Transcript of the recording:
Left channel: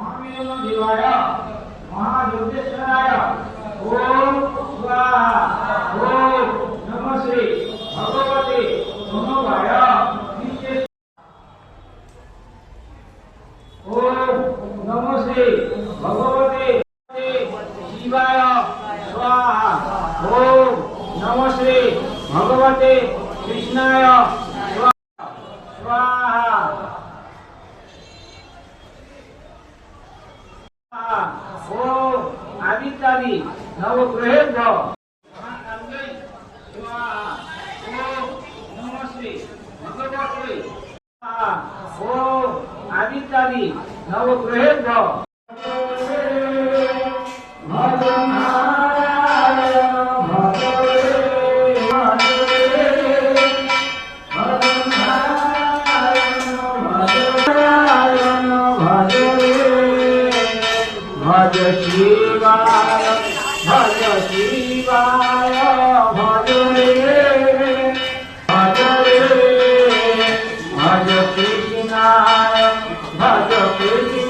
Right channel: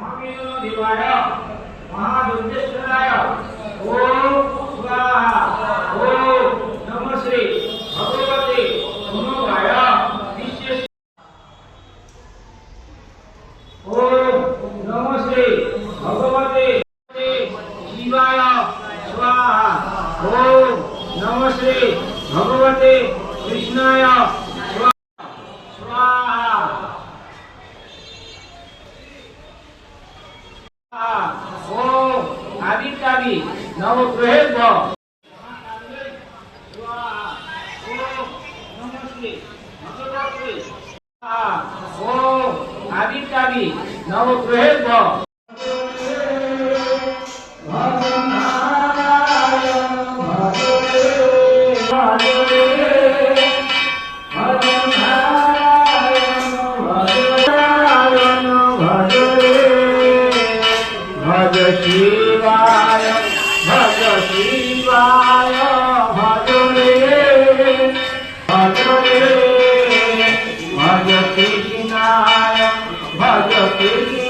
महादेवाय महादुर्गेश्वराय ओम स्वाहा। ओम नमः श्री भगवते मनोभाय विशेष। ओम नमः श्री भगवते शिवाय स्वाहा। ओम नमः श्री भगवते कृष्णाय स्वाहा। ओम आदित्यादि नवग्रहेभ्यो स्वाहा। ओम नमः श्री भगवते स्वाहा। ओम आदित्यादि नवग्रहेभ्यो भज शिवाय भज शिवाय भज रे भज कृष्णाय भज कृष्ण।